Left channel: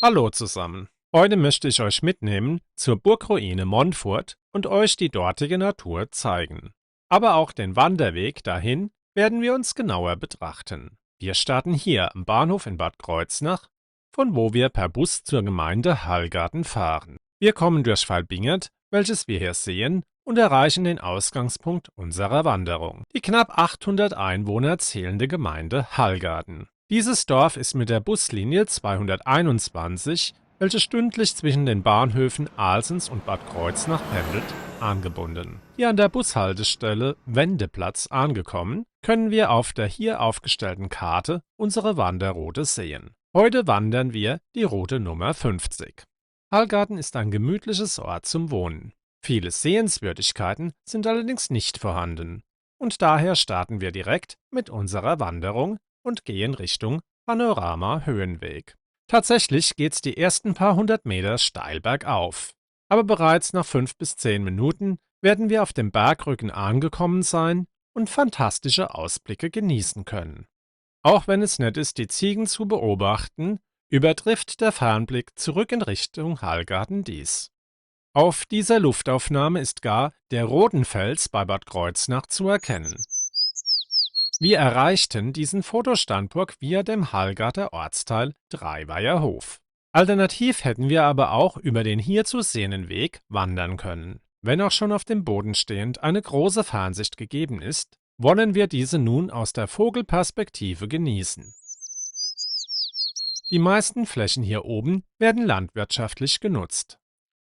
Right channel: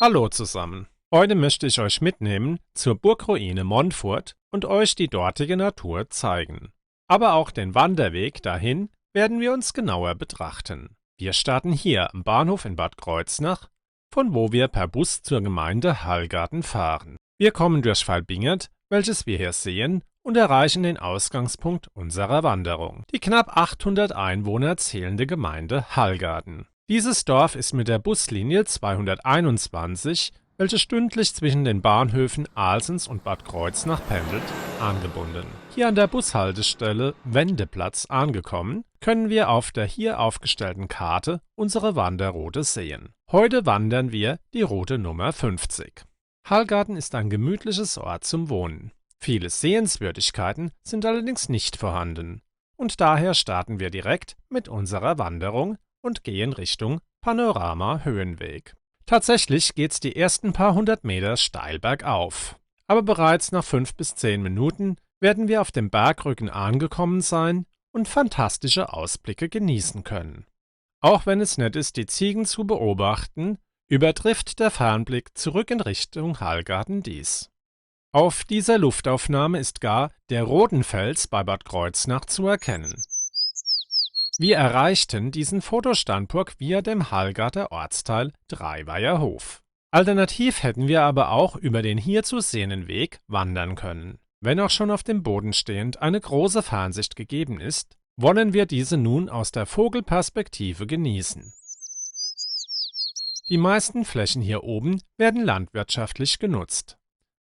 Hallo zusammen. Heute möchte ich euch mitnehmen zur Burgruine Montfort und euch die dortige Natur zeigen. Aber auch den Wanderweg dahin werden wir uns genauer betrachten. Wir starten hier am Bahnhof in Bad Kreuznach, von wo wir per Bus zur Gemeinde Hallgarten fahren. Wir kommen durch Valbingert, welches wir hier sehen, und erreichen den Ausgangspunkt unserer Wanderung, die knapp 800 Einwohner zählende Gemeinde Hallgarten. Dieses Dorf ist mit der Buslinie 221, welche stündlich zwischen den Bahnhöfen Alsens und Bad Kreuznach pendelt, angebunden. Hier an der Bushaltestelle Wendeplatz angekommen, können wir auf der hier aufgestellten Karte unsere Wanderroute sehen. Heute wandern wir die Route Nummer 50. Hallgarten ist ein gemütliches Ort zum Wohnen. Viele Sehenswürdigkeiten sind allerdings nicht vorhanden. Und daher starten wir direkt mit unserer Wanderung und gehen Richtung Panorama-Höhenweg. Tatsächlich geht's die ersten paar hundert Meter steil bergauf. Aber bereits nach 5 bis 10 Minuten werden wir auf dem Bergrücken angekommen sein und fantastische Ausblicke genießen können. Auch wenn es nett ist, die Ziegen zu beobachten, übertrifft der Fernblick zurück in Richtung Hallgarten dies. Auf dieser Luftaufnahme ist gar der Rodenfels bei Bad Kreuznach zu erkennen. Wir erreichten diesen Fotostandpunkt via dem Hallgarter Ortsteil Dreiweiherhof. Alternativ hätten wir aber auch über den hier zu sehenden Weg wandern können. Wenn auch schon auf dem Boden stehend eine große Fernsicht gegeben ist, wollen wir diese nun aus der Vogelperspektive genießen. Die meisten Flächen hier oben werden landwirtschaftlich genutzt.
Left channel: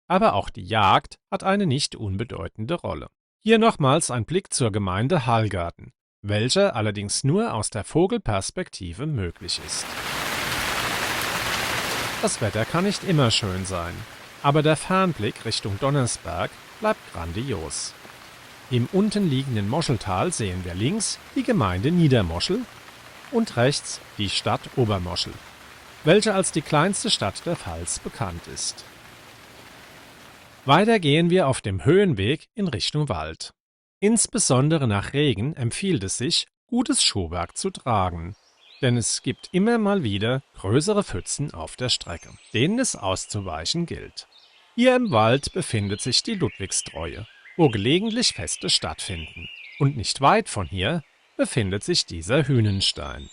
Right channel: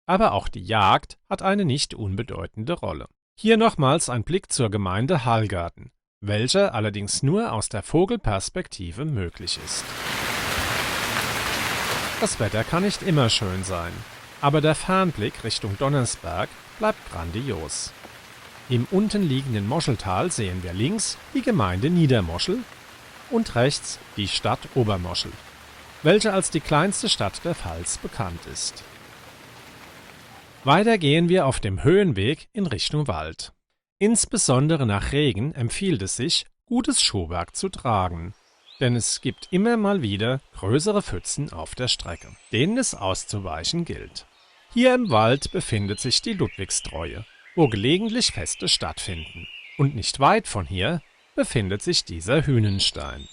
Aber auch die Jagd hat eine nicht unbedeutende Rolle. Hier nochmals ein Blick zur Gemeinde Hallgarten, welcher allerdings nur aus der Vogelperspektive möglich ist. Das Wetter kann nicht immer schön sein, aber der Fernblick Richtung Donnersberg bleibt grandios. Im unten liegenden Moscheltal sehen wir links die Gemeinde Niedermoschel und rechts die Stadt Obermoschel, welche als die kleinste Stadt der Pfalz bekannt ist. Weiter gehen wir auf dem Höhenweg in Richtung Wald. Insbesondere nach Regen empfiehlt es sich, gutes Schuhwerk zu tragen, denn es gibt immer mal wieder größere Pfützen auf der Strecke, denen es auszuweichen gilt. Hier im Wald befindet sich die Ludwigstreue, wo gelegentlich Feste stattfinden. Und nicht weit von hier befindet sich dieser Hünenstein.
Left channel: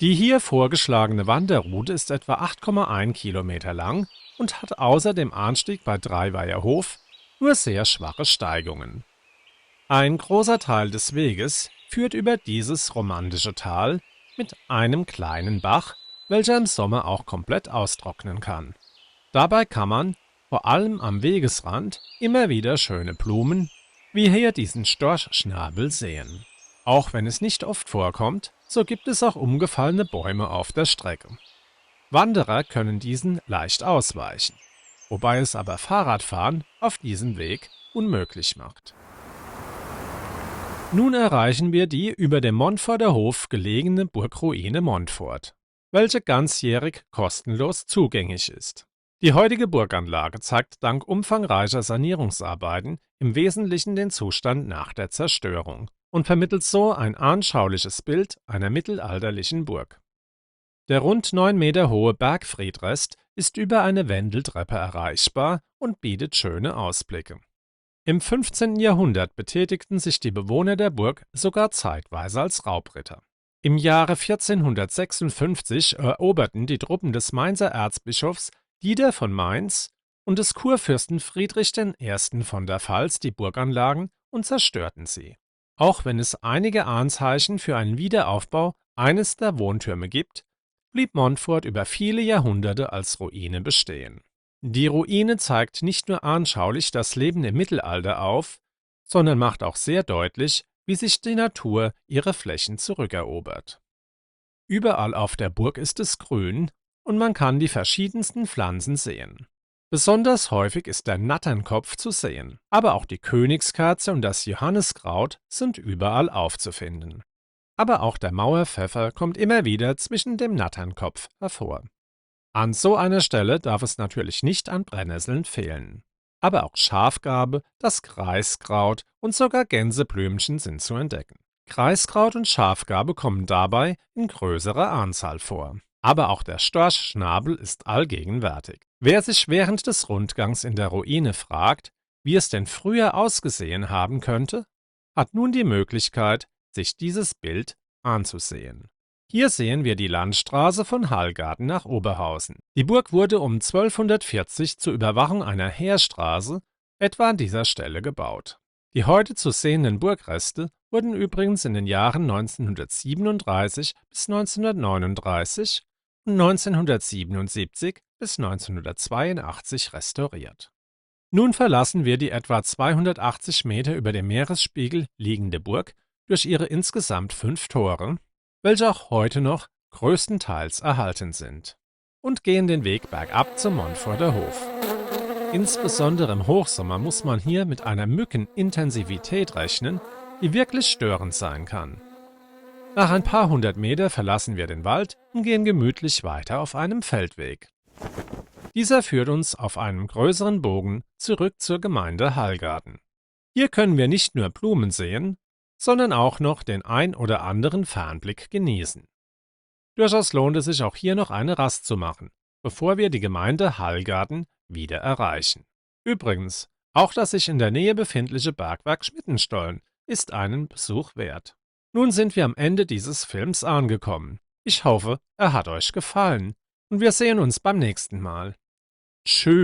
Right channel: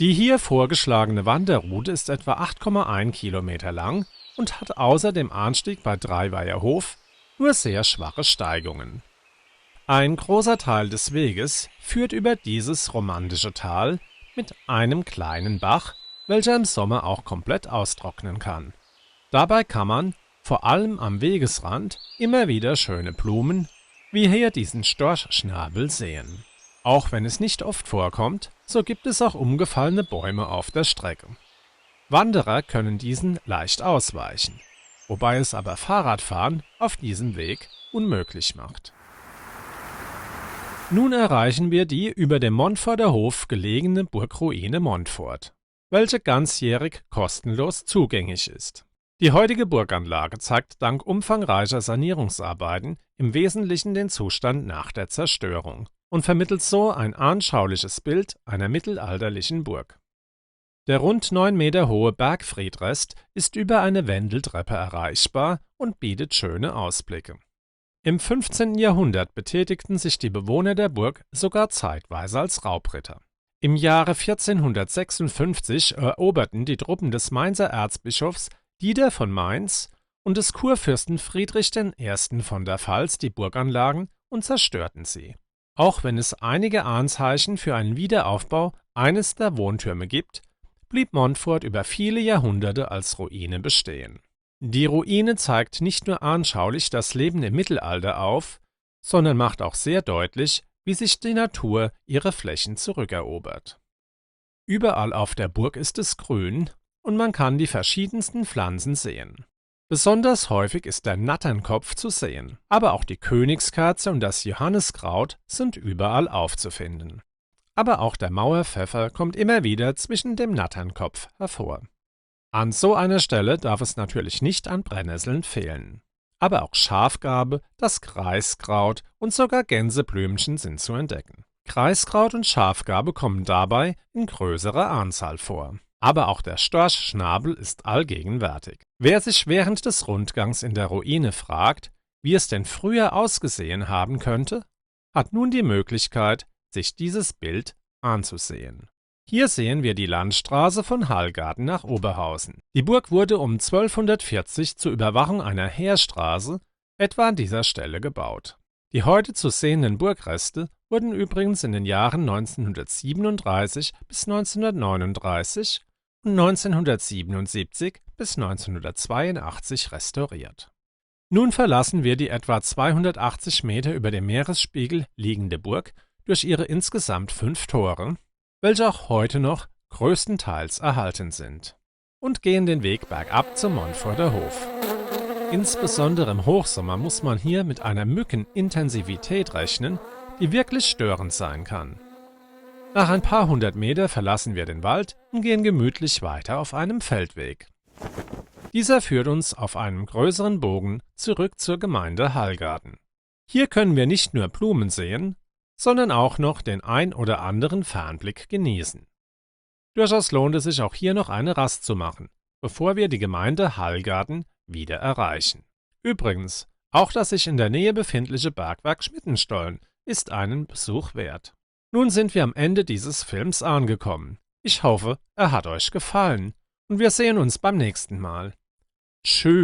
Die hier vorgeschlagene Wanderroute ist etwa 8,1 Kilometer lang und hat außer dem Anstieg bei Dreiweiherhof nur sehr schwache Steigungen. Ein großer Teil des Weges führt über dieses romantische Tal mit einem kleinen Bach, welcher im Sommer auch komplett austrocknen kann. Dabei kann man, vor allem am Wegesrand, immer wieder schöne Blumen, wie hier diesen Storchschnabel sehen. Auch wenn es nicht oft vorkommt, so gibt es auch umgefallene Bäume auf der Strecke. Wanderer können diesen leicht ausweichen, wobei es aber Fahrradfahren auf diesem Weg unmöglich macht. Nun erreichen wir die über dem Montforter Hof gelegene Burgruine Montfort, welche ganzjährig kostenlos zugänglich ist. Die heutige Burganlage zeigt dank umfangreicher Sanierungsarbeiten im Wesentlichen den Zustand nach der Zerstörung und vermittelt so ein anschauliches Bild einer mittelalterlichen Burg. Der rund 9 Meter hohe Bergfriedrest ist über eine Wendeltreppe erreichbar und bietet schöne Ausblicke. Im 15. Jahrhundert betätigten sich die Bewohner der Burg sogar zeitweise als Raubritter. Im Jahre 1456 eroberten die Truppen des Mainzer Erzbischofs Dieter von Mainz und des Kurfürsten Friedrich I. von der Pfalz die Burganlagen und zerstörten sie. Auch wenn es einige Anzeichen für einen Wiederaufbau eines der Wohntürme gibt, blieb Montfort über viele Jahrhunderte als Ruine bestehen. Die Ruine zeigt nicht nur anschaulich das Leben im Mittelalter auf, sondern macht auch sehr deutlich, wie sich die Natur ihre Flächen zurückerobert. Überall auf der Burg ist es grün und man kann die verschiedensten Pflanzen sehen. Besonders häufig ist der Natternkopf zu sehen, aber auch die Königskerze und das Johanniskraut sind überall aufzufinden. Aber auch der Mauerpfeffer kommt immer wieder zwischen dem Natternkopf hervor. An so einer Stelle darf es natürlich nicht an Brennnesseln fehlen. Aber auch Schafgarbe, das Kreiskraut und sogar Gänseblümchen sind zu entdecken. Kreiskraut und Schafgarbe kommen dabei in größerer Anzahl vor. Aber auch der Storchschnabel ist allgegenwärtig. Wer sich während des Rundgangs in der Ruine fragt, wie es denn früher ausgesehen haben könnte, hat nun die Möglichkeit, sich dieses Bild anzusehen. Hier sehen wir die Landstraße von Hallgarten nach Oberhausen. Die Burg wurde um 1240 zur Überwachung einer Heerstraße etwa an dieser Stelle gebaut. Die heute zu sehenden Burgreste wurden übrigens in den Jahren 1937 bis 1939 und 1977 bis 1982 restauriert. Nun verlassen wir die etwa 280 Meter über dem Meeresspiegel liegende Burg durch ihre insgesamt 5 Tore, welche auch heute noch größtenteils erhalten sind, und gehen den Weg bergab zum Montforter Hof. Insbesondere im Hochsommer muss man hier mit einer Mückenintensivität rechnen, die wirklich störend sein kann. Nach ein paar hundert Meter verlassen wir den Wald und gehen gemütlich weiter auf einem Feldweg. Dieser führt uns auf einem größeren Bogen zurück zur Gemeinde Hallgarten. Hier können wir nicht nur Blumen sehen, sondern auch noch den ein oder anderen Fernblick genießen. Durchaus lohnt es sich auch hier noch eine Rast zu machen, bevor wir die Gemeinde Hallgarten wieder erreichen. Übrigens, auch das sich in der Nähe befindliche Bergwerk Schmittenstollen ist einen Besuch wert. Nun sind wir am Ende dieses Films angekommen. Ich hoffe, er hat euch gefallen und wir sehen uns beim nächsten Mal. Tschüss.